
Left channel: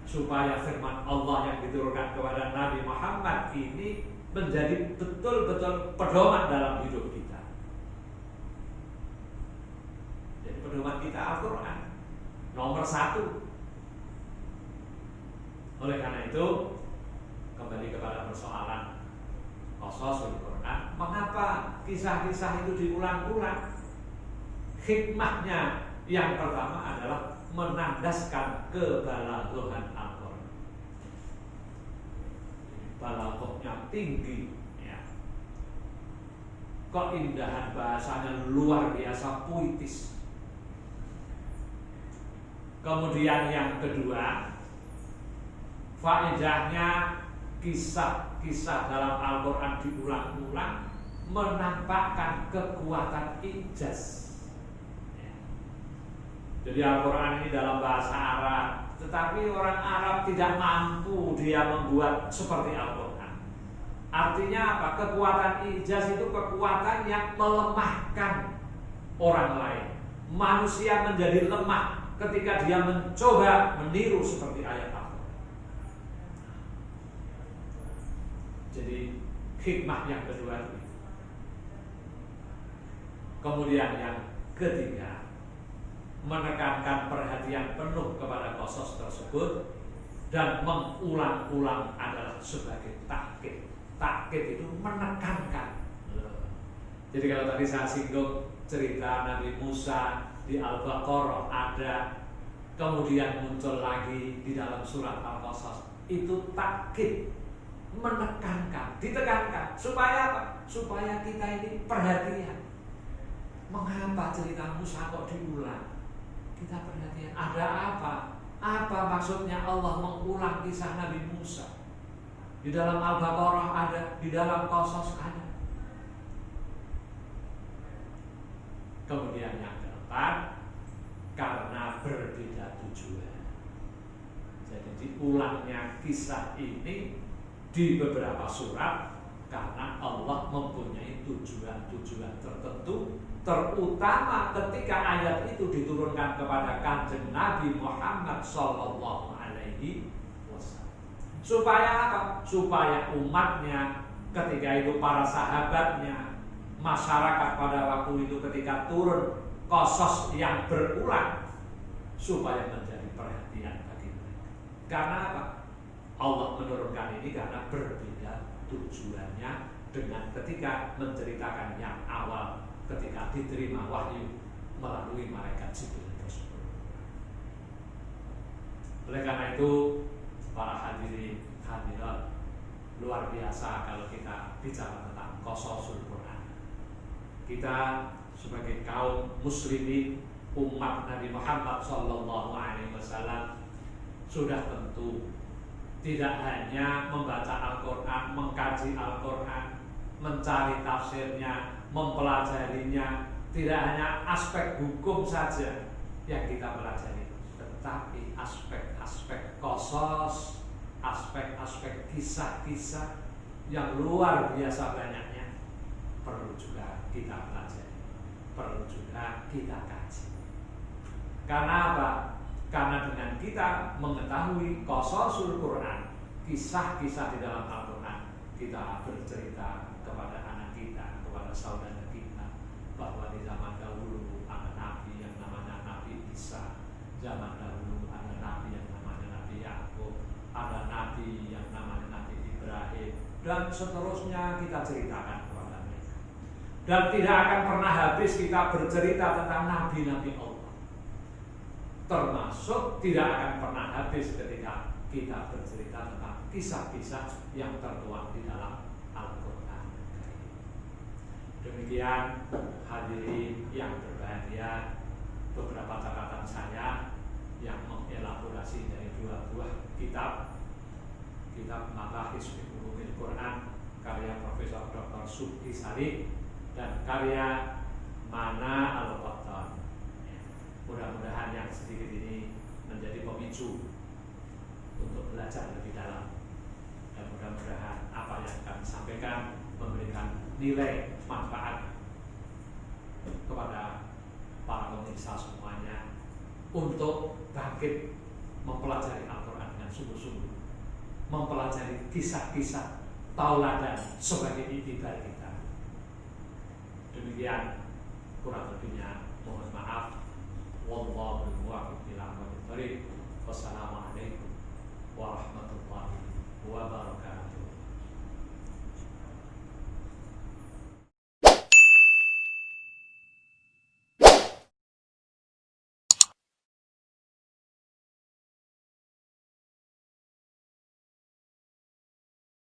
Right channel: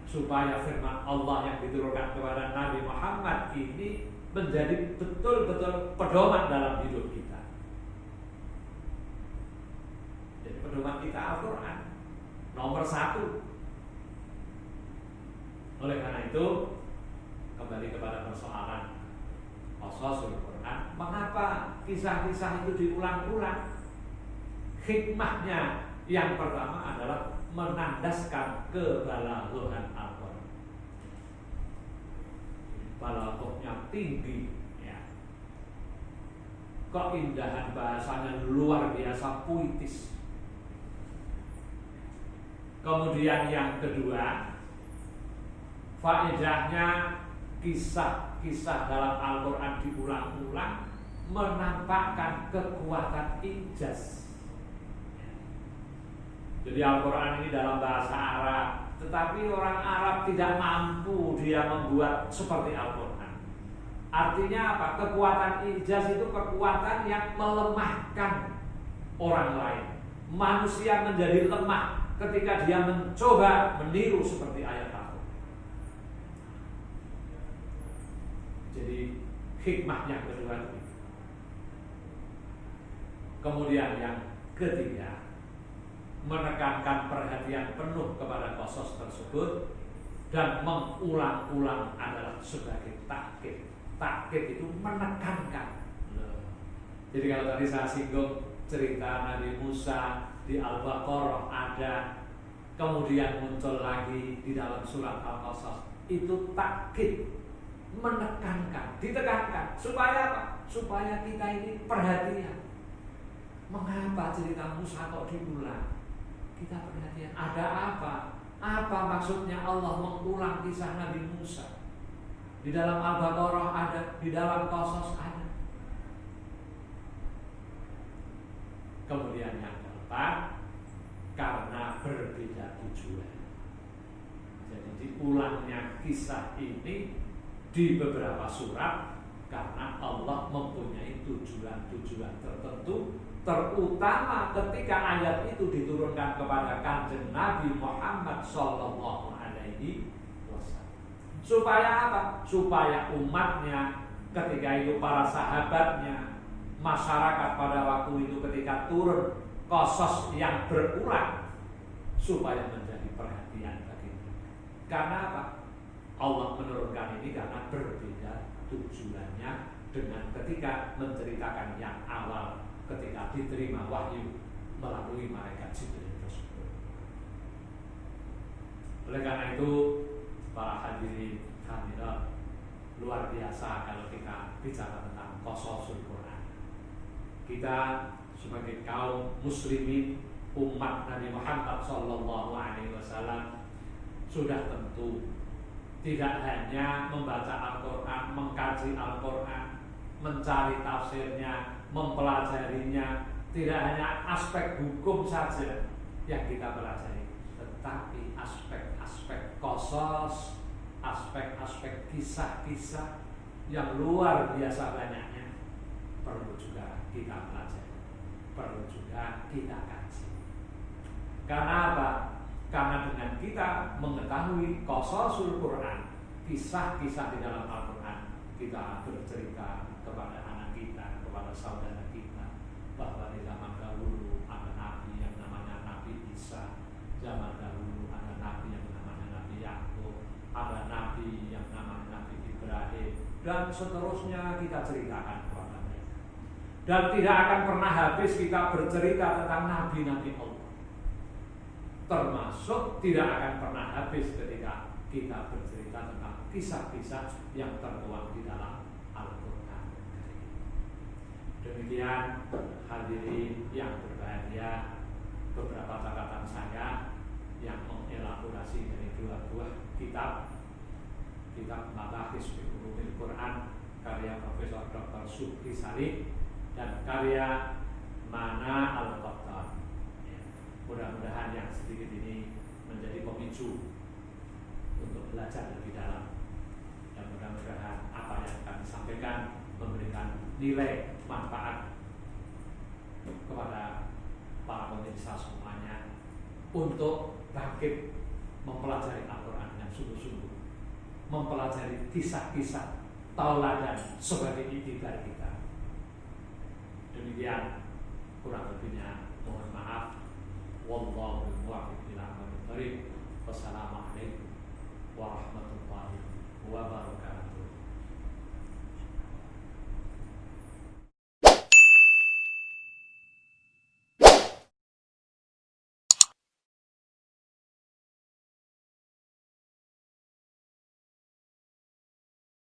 supaya firman Allah yang diturunkan kepada Nabi Muhammad ini menjadi betul-betul pedoman dalam hidup kita. Jadi pedoman kita Al-Quran nomor 1. Oleh karena itu, kembali kepada persoalan qasasul Quran, mengapa kisah-kisah itu diulang-ulang? Hikmahnya yang pertama adalah menandaskan kebalaghan Al-Quran. Balaghahnya tinggi, ya. Keindahan bahasanya luar biasa puitis. Kemudian yang kedua, faedahnya kisah-kisah dalam Al-Quran diulang-ulang menampakkan kekuatan ijaz. Jadi Al-Quran ini dalam bahasa Arab, tetapi orang Arab tidak mampu dia membuat seperti Al-Quran. Artinya apa? Kekuatan ijaz itu kekuatan yang melemahkan orang lain. Manusia menjadi lemah ketika dia mencoba meniru seperti ayat Al-Quran. Jadi hikmah yang kedua itu. Kemudian yang ketiga, menekankan perhatian penuh kepada qasas tersebut dan mengulang-ulang adalah sebagai takkid. Takkid itu menekankan. Jadi kalau tadi saya singgung cerita Nabi Musa di Al-Baqarah ada, kemudian muncul lagi di dalam surat Al-Qasas, itu takkid, menekankan, ditekankan, supaya apa? Supaya kita ini perhatian. Mengapa cerita Musa kok diulang? Kita perhatian, ada apa? Apa maksudnya Allah mengulang kisah Nabi Musa? Di dalam Al-Baqarah ada, di dalam Qasas ada. Kemudian yang keempat, karena berbeda tujuan. Jadi diulangnya kisah ini di beberapa surat karena Allah mempunyai tujuan-tujuan tertentu, terutama ketika ayat itu diturunkan kepada Kanjeng Nabi Muhammad sallallahu alaihi wasallam, Supaya apa? Supaya umatnya ketika itu, para sahabatnya, masyarakat pada waktu itu ketika turun qasas yang berulang, supaya menjadi perhatian bagi mereka. Karena apa? Allah menurunkan ini karena berbeda tujuannya dengan ketika menceritakan yang awal ketika diterima wahyu melalui malaikat Jibril tersebut. Oleh karena itu, para hadirin hadirat, luar biasa kalau kita bicara tentang qasasul Quran. Kita sebagai kaum muslimin umat Nabi Muhammad SAW sudah tentu tidak hanya membaca Al-Quran, mengkaji Al-Quran, mencari tafsirnya, mempelajarinya, tidak hanya aspek hukum saja yang kita pelajari, tetapi aspek-aspek qasas, aspek-aspek kisah-kisah yang luar biasa banyaknya perlu juga kita pelajari, perlu juga kita kaji. Karena apa? Karena dengan kita mengetahui qasasul Quran, kisah-kisah di dalam Al-Quran, kita bercerita kepada anak kita, kepada saudara kita, bahwa di zaman dahulu ada nabi yang namanya Nabi Isa, zaman dahulu ada nabi yang namanya Nabi Yakub, ada nabi yang namanya Nabi Ibrahim, dan seterusnya kita ceritakan kepada mereka. Dan tidak akan pernah habis kita bercerita tentang nabi-nabi Allah. Termasuk tidak akan pernah habis ketika kita bercerita tentang kisah-kisah yang tertuang di dalam Al-Quran. Demikian hadirin yang berbahagia, beberapa catatan saya yang mengelaborasi dari dua buah kitab Mabahis fi Ulumil Quran karya Profesor Dr. Subki Salih dan karya Mana Al-Qattan. Mudah-mudahan yang sedikit ini menjadi pemicu untuk belajar lebih dalam, dan mudah-mudahan apa yang kami sampaikan memberikan nilai manfaat kepada para pemirsa semuanya untuk bangkit mempelajari Al-Quran dengan sungguh-sungguh, mempelajari kisah-kisah tauladan sebagai iktibar kita. Demikian, kurang lebihnya mohon maaf. Wallahu muwaffiq ila aqwamit thoriq. Wassalamualaikum warahmatullahi wabarakatuh.